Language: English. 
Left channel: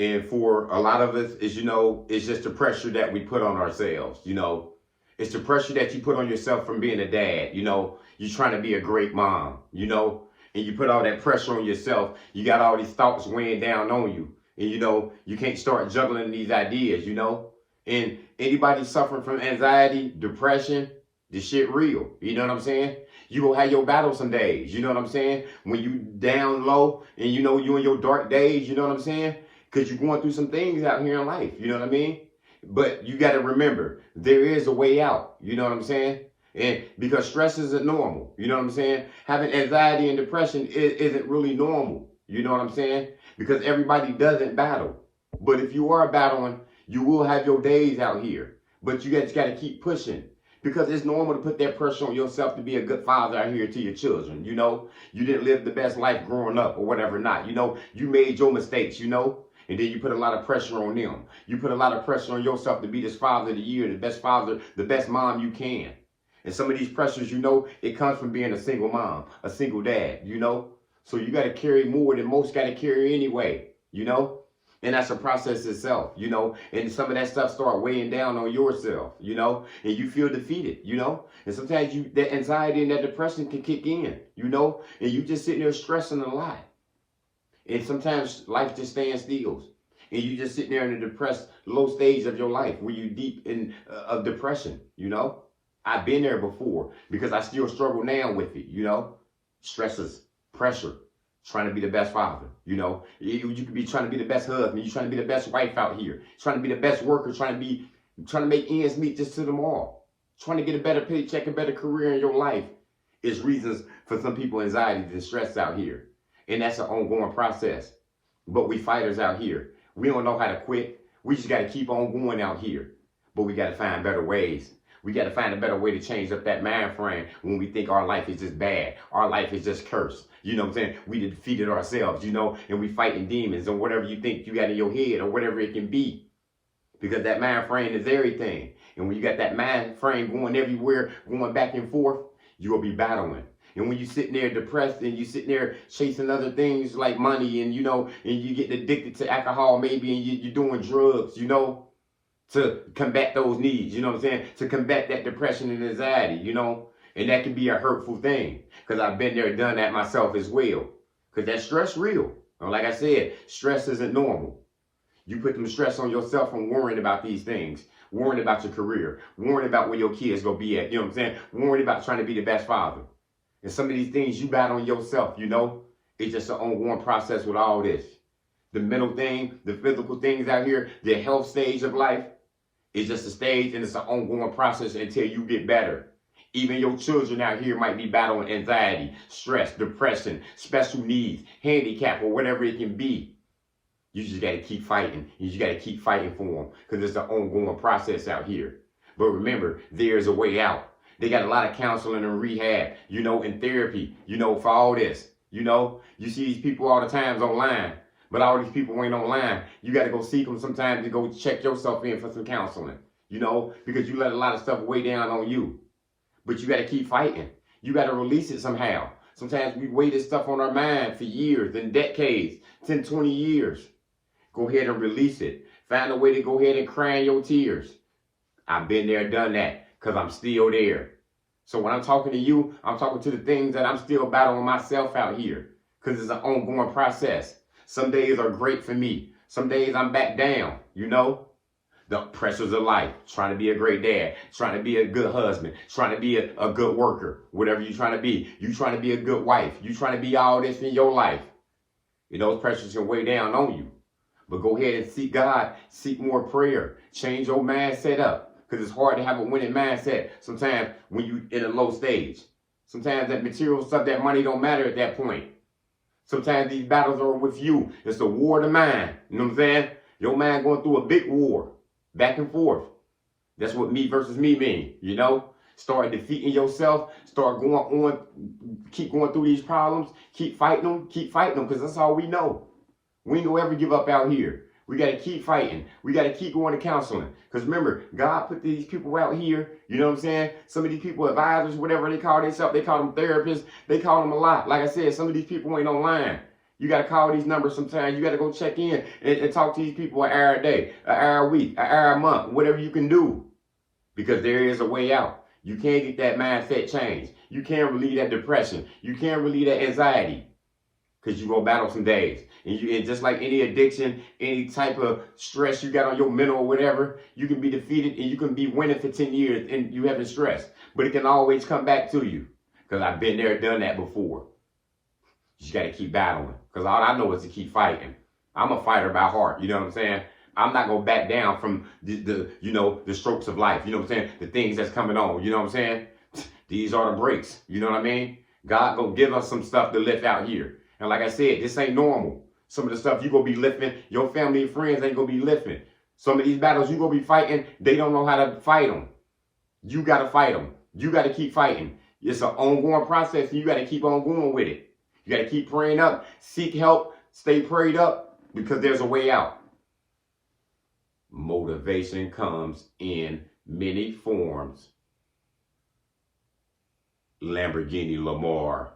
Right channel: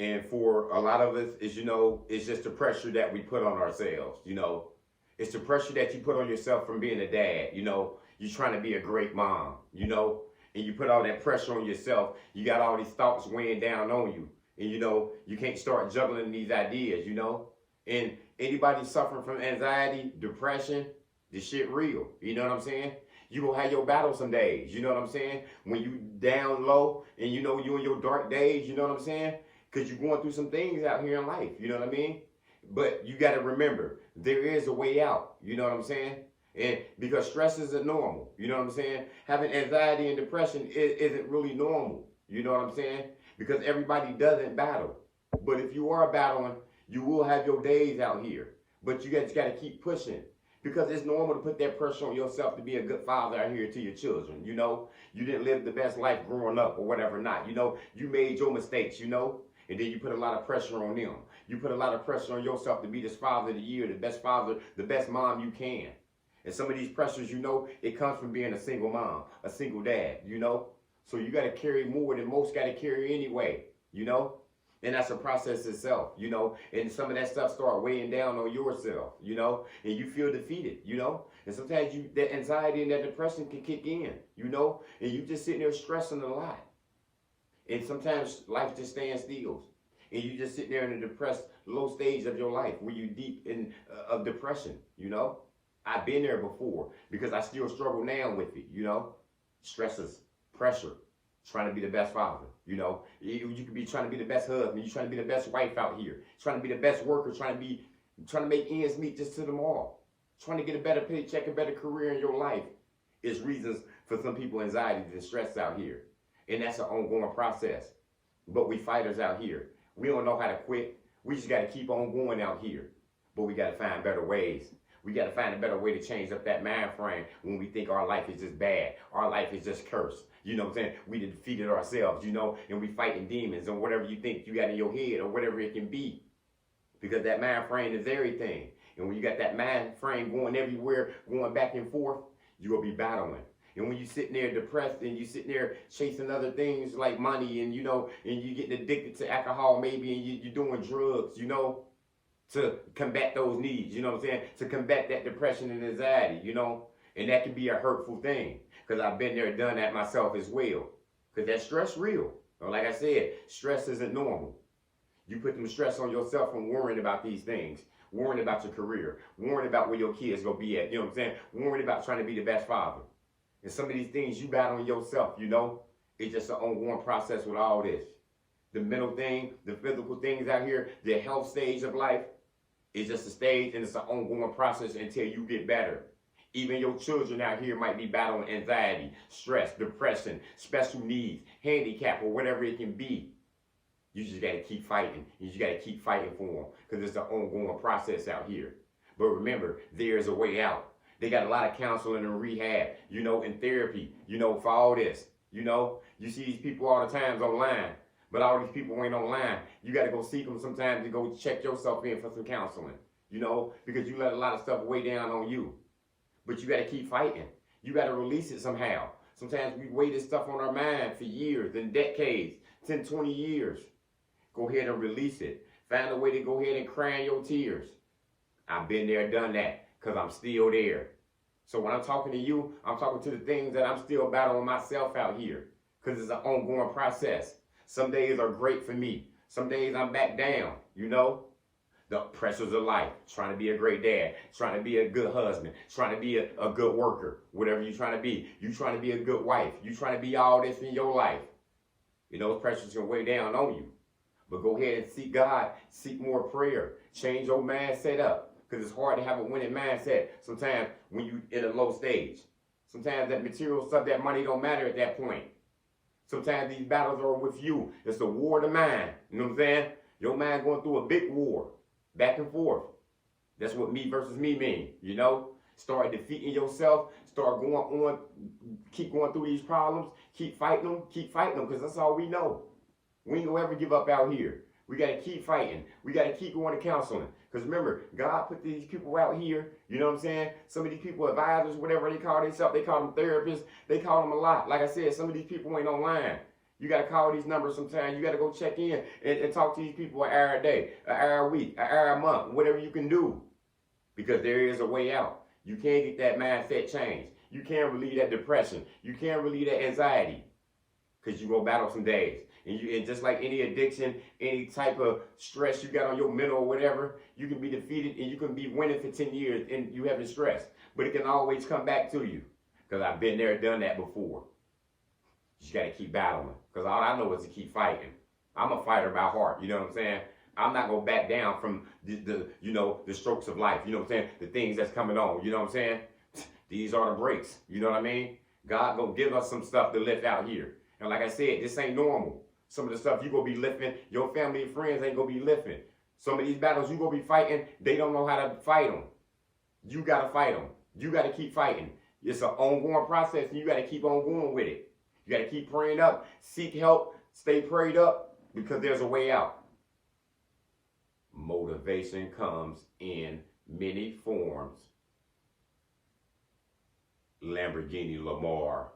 And for a lot of us, is, it's just the pressure that we put on ourselves. It's the pressure that you put on yourself from being a dad. You're trying to be a great mom, and you put all that pressure on yourself. You got all these thoughts weighing down on you. And, you can't start juggling these ideas, And anybody suffering from anxiety, depression, this shit real. You know what I'm saying? You gonna have your battle some days. You know what I'm saying? When you down low and you in your dark days, you know what I'm saying? Because you're going through some things out here in life. You know what I mean? But you got to remember, there is a way out. You know what I'm saying? And because stress isn't normal. You know what I'm saying? Having anxiety and depression isn't really normal. You know what I'm saying? Because everybody doesn't battle. But if you are battling, you will have your days out here. But you just got to keep pushing. Because it's normal to put that pressure on yourself to be a good father out here to your children. You didn't live the best life growing up or whatever not. You made your mistakes, and then you put a lot of pressure on them. You put a lot of pressure on yourself to be this father of the year, the best father, the best mom you can. And some of these pressures, it comes from being a single mom, a single dad, So you got to carry more than most got to carry anyway, And that's a process itself, And some of that stuff start weighing down on yourself, And you feel defeated, And sometimes that anxiety and that depression can kick in, And you just sitting there stressing a lot. And sometimes life just stands still. And you just sitting there in a depressed, low stage of your life where you deep in of depression, I've been there before because I still struggle now with it, Stresses, pressure, trying to be the best father, You could be trying to be the best husband. You're trying to be the best wife out here. Trying to be the best worker. Trying to make ends meet just to tomorrow. Trying to get a better paycheck, a better career in your life is reasons for some people anxiety and stress out here. And that's an ongoing process. But we fighters out here. We don't know how to quit. We just got to keep on going out here. But we got to find better ways. We got to find a better way to change up that mind frame when we think our life is just bad. Our life is just cursed. You know what I'm saying? We defeated ourselves, and we fighting demons and whatever you think you got in your head or whatever it can be. Because that mind frame is everything. And when you got that mind frame going everywhere, going back and forth, you will be battling. And when you're sitting there depressed and you're sitting there chasing other things like money and, and you get addicted to alcohol maybe and you're doing drugs, to combat those needs, you know what I'm saying? To combat that depression and anxiety, And that can be a hurtful thing because I've been there, done that myself as well. Because that stress real. Like I said, stress isn't normal. You put them stress on yourself from worrying about these things, worrying about your career, worrying about where your kids going to be at, you know what I'm saying? Worrying about trying to be the best father. And some of these things you battle on yourself, It's just an ongoing process with all this. The mental thing, the physical things out here, the health stage of life, is just a stage and it's an ongoing process until you get better. Even your children out here might be battling anxiety, stress, depression, special needs, handicap, or whatever it can be. You just got to keep fighting. You just got to keep fighting for them because it's an ongoing process out here. But remember, there's a way out. They got a lot of counseling and rehab, and therapy, for all this. You see these people all the times online, but all these people ain't online. You got to go seek them sometimes to go check yourself in for some counseling, because you let a lot of stuff weigh down on you. But you got to keep fighting. You got to release it somehow. Sometimes we weigh this stuff on our mind for years and decades, 10, 20 years. Go ahead and release it. Find a way to go ahead and cry in your tears. I've been there, done that, because I'm still there. So when I'm talking to you, I'm talking to the things that I'm still battling myself out here, because it's an ongoing process. Some days are great for me. Some days I'm back down, The pressures of life, trying to be a great dad, trying to be a good husband, trying to be a good worker, whatever you're trying to be. You trying to be a good wife. You trying to be all this in your life. Those pressures can weigh down on you. But go ahead and seek God, seek more prayer, change your mindset up. Because it's hard to have a winning mindset sometimes when you in a low stage. Sometimes that material stuff, that money don't matter at that point. Sometimes these battles are with you. It's a war of the mind. You know what I'm saying? Your mind going through a big war, back and forth. That's what me versus me mean, Start defeating yourself, start going on, keep going through these problems, keep fighting them, because that's all we know. We ain't gonna ever give up out here. We got to keep fighting. We got to keep going to counseling. Because remember, God put these people out here. You know what I'm saying? Some of these people, advisors, whatever they call themselves, they call them therapists. They call them a lot. Like I said, some of these people ain't online. You got to call these numbers sometimes. You got to go check in and talk to these people an hour a day, an hour a week, an hour a month, whatever you can do. Because there is a way out. You can get that mindset change. You can relieve that depression. You can relieve that anxiety. Because you're going to battle some days. And just like any addiction, any type of stress you got on your mental or whatever, you can be defeated and you can be winning for 10 years and you having stress. But it can always come back to you. Because I've been there, done that before. You just got to keep battling. Because all I know is to keep fighting. I'm a fighter by heart. You know what I'm saying? I'm not going to back down from the strokes of life. You know what I'm saying? The things that's coming on. You know what I'm saying? These are the breaks. You know what I mean? God gonna give us some stuff to lift out here. And like I said, this ain't normal. Some of the stuff you gonna be lifting, your family and friends ain't gonna be lifting. Some of these battles you gonna be fighting, they don't know how to fight them. You gotta fight them. You gotta keep fighting. It's an ongoing process and you gotta keep on going with it. You gotta keep praying up, seek help, stay prayed up because there's a way out. Motivation comes in many forms. Lamborghini Lamar.